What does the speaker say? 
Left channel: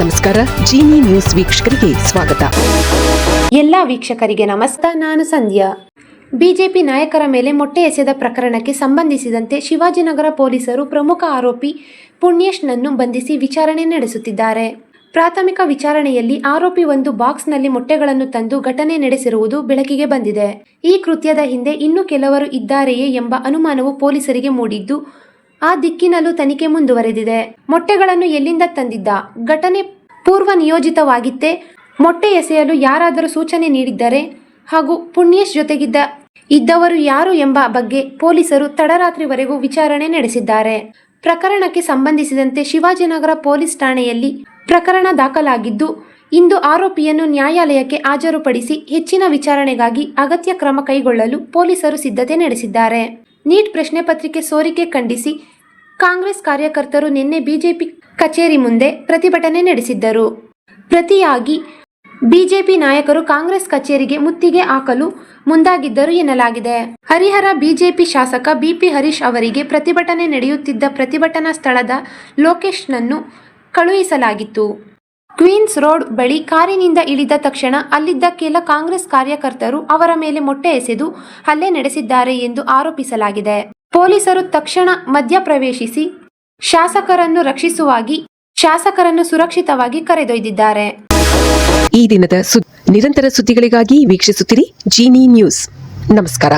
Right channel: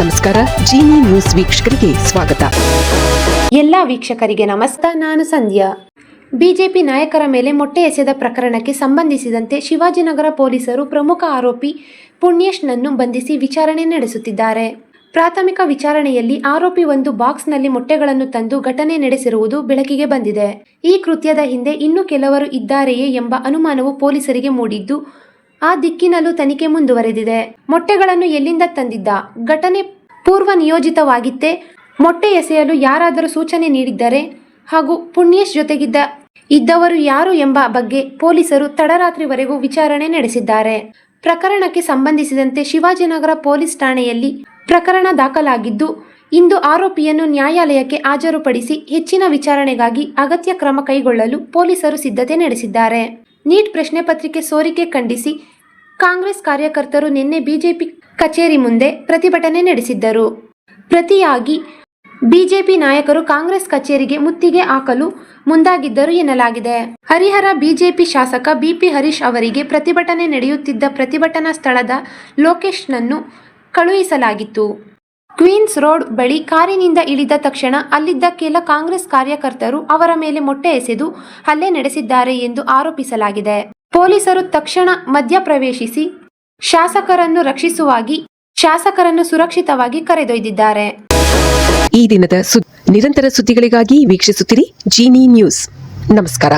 ನಮಸ್ಕಾರ. ಜೀನಿ ನ್ಯೂಸ್ ವೀಕ್ಷಕರಿಗೆ ಸ್ವಾಗತ. ಎಲ್ಲ ವೀಕ್ಷಕರಿಗೆ ನಮಸ್ಕಾರ. ನಾನು ಸಂಧ್ಯಾ. ಬಿಜೆಪಿ ನಾಯಕರ ಮೇಲೆ ಮೊಟ್ಟೆ ಎಸೆದ ಪ್ರಕರಣಕ್ಕೆ ಸಂಬಂಧಿಸಿದಂತೆ ಶಿವಾಜಿನಗರ ಪೊಲೀಸರು ಪ್ರಮುಖ ಆರೋಪಿ ಪುಣ್ಯೇಶ್ನನ್ನು ಬಂಧಿಸಿ ವಿಚಾರಣೆ ನಡೆಸುತ್ತಿದ್ದಾರೆ. ಪ್ರಾಥಮಿಕ ವಿಚಾರಣೆಯಲ್ಲಿ ಆರೋಪಿ ಒಂದು ಬಾಕ್ಸ್ನಲ್ಲಿ ಮೊಟ್ಟೆಗಳನ್ನು ತಂದು ಘಟನೆ ನಡೆಸಿರುವುದು ಬೆಳಕಿಗೆ ಬಂದಿದೆ. ಈ ಕೃತ್ಯದ ಹಿಂದೆ ಇನ್ನೂ ಕೆಲವರು ಇದ್ದಾರೆಯೇ ಎಂಬ ಅನುಮಾನವು ಪೊಲೀಸರಿಗೆ ಮೂಡಿದ್ದು, ಆ ದಿಕ್ಕಿನಲ್ಲೂ ತನಿಖೆ ಮುಂದುವರೆದಿದೆ. ಮೊಟ್ಟೆಗಳನ್ನು ಎಲ್ಲಿಂದ ತಂದಿದ್ದ? ಘಟನೆ ಪೂರ್ವ ನಿಯೋಜಿತವಾಗಿತ್ತೇ? ಮೊಟ್ಟೆ ಎಸೆಯಲು ಯಾರಾದರೂ ಸೂಚನೆ ನೀಡಿದ್ದಾರೆ? ಹಾಗೂ ಪುಣ್ಯೇಶ್ ಇದ್ದವರು ಯಾರು ಎಂಬ ಬಗ್ಗೆ ಪೊಲೀಸರು ತಡರಾತ್ರಿವರೆಗೂ ವಿಚಾರಣೆ ನಡೆಸಿದ್ದಾರೆ. ಪ್ರಕರಣಕ್ಕೆ ಸಂಬಂಧಿಸಿದಂತೆ ಶಿವಾಜಿನಗರ ಪೊಲೀಸ್ ಠಾಣೆಯಲ್ಲಿ ಪ್ರಕರಣ ದಾಖಲಾಗಿದ್ದು, ಇಂದು ಆರೋಪಿಯನ್ನು ನ್ಯಾಯಾಲಯಕ್ಕೆ ಹಾಜರುಪಡಿಸಿ ಹೆಚ್ಚಿನ ವಿಚಾರಣೆಗಾಗಿ ಅಗತ್ಯ ಕ್ರಮ ಕೈಗೊಳ್ಳಲು ಪೊಲೀಸರು ಸಿದ್ಧತೆ ನಡೆಸಿದ್ದಾರೆ. ನೀಟ್ ಪ್ರಶ್ನೆ ಪತ್ರಿಕೆ ಸೋರಿಕೆ ಖಂಡಿಸಿ ಕಾಂಗ್ರೆಸ್ ಕಾರ್ಯಕರ್ತರು ನಿನ್ನೆ ಬಿಜೆಪಿ ಕಚೇರಿ ಮುಂದೆ ಪ್ರತಿಭಟನೆ ನಡೆಸಿದ್ದರು. ಪ್ರತಿಯಾಗಿ ಬಿಜೆಪಿ ನಾಯಕರು ಕಾಂಗ್ರೆಸ್ ಕಚೇರಿಗೆ ಮುತ್ತಿಗೆ ಹಾಕಲು ಮುಂದಾಗಿದ್ದರು ಎನ್ನಲಾಗಿದೆ. ಹರಿಹರ ಬಿಜೆಪಿ ಶಾಸಕ ಬಿಪಿ ಹರೀಶ್ ಅವರಿಗೆ ಪ್ರತಿಭಟನೆ ನಡೆಯುತ್ತಿದ್ದ ಪ್ರತಿಭಟನಾ ಸ್ಥಳದ ಲೊಕೇಶನ್ನನ್ನು ಕಳುಹಿಸಲಾಗಿತ್ತು. ಕ್ವೀನ್ಸ್ ರೋಡ್ ಬಳಿ ಕಾರಿನಿಂದ ಇಳಿದ ತಕ್ಷಣ ಅಲ್ಲಿದ್ದ ಕೆಲ ಕಾಂಗ್ರೆಸ್ ಕಾರ್ಯಕರ್ತರು ಅವರ ಮೇಲೆ ಮೊಟ್ಟೆ ಎಸೆದು ಹಲ್ಲೆ ನಡೆಸಿದ್ದಾರೆ ಎಂದು ಆರೋಪಿಸಲಾಗಿದೆ. ಪೊಲೀಸರು ತಕ್ಷಣ ಮಧ್ಯಪ್ರವೇಶಿಸಿ ಶಾಸಕರನ್ನು ಸುರಕ್ಷಿತವಾಗಿ ಕರೆದೊಯ್ದಿದ್ದಾರೆ. ಈ ದಿನದ ನಿರಂತರ ಸುದ್ದಿಗಳಿಗಾಗಿ ವೀಕ್ಷಿಸುತ್ತಿರಿ ಜೀನಿ ನ್ಯೂಸ್. ನಮಸ್ಕಾರ.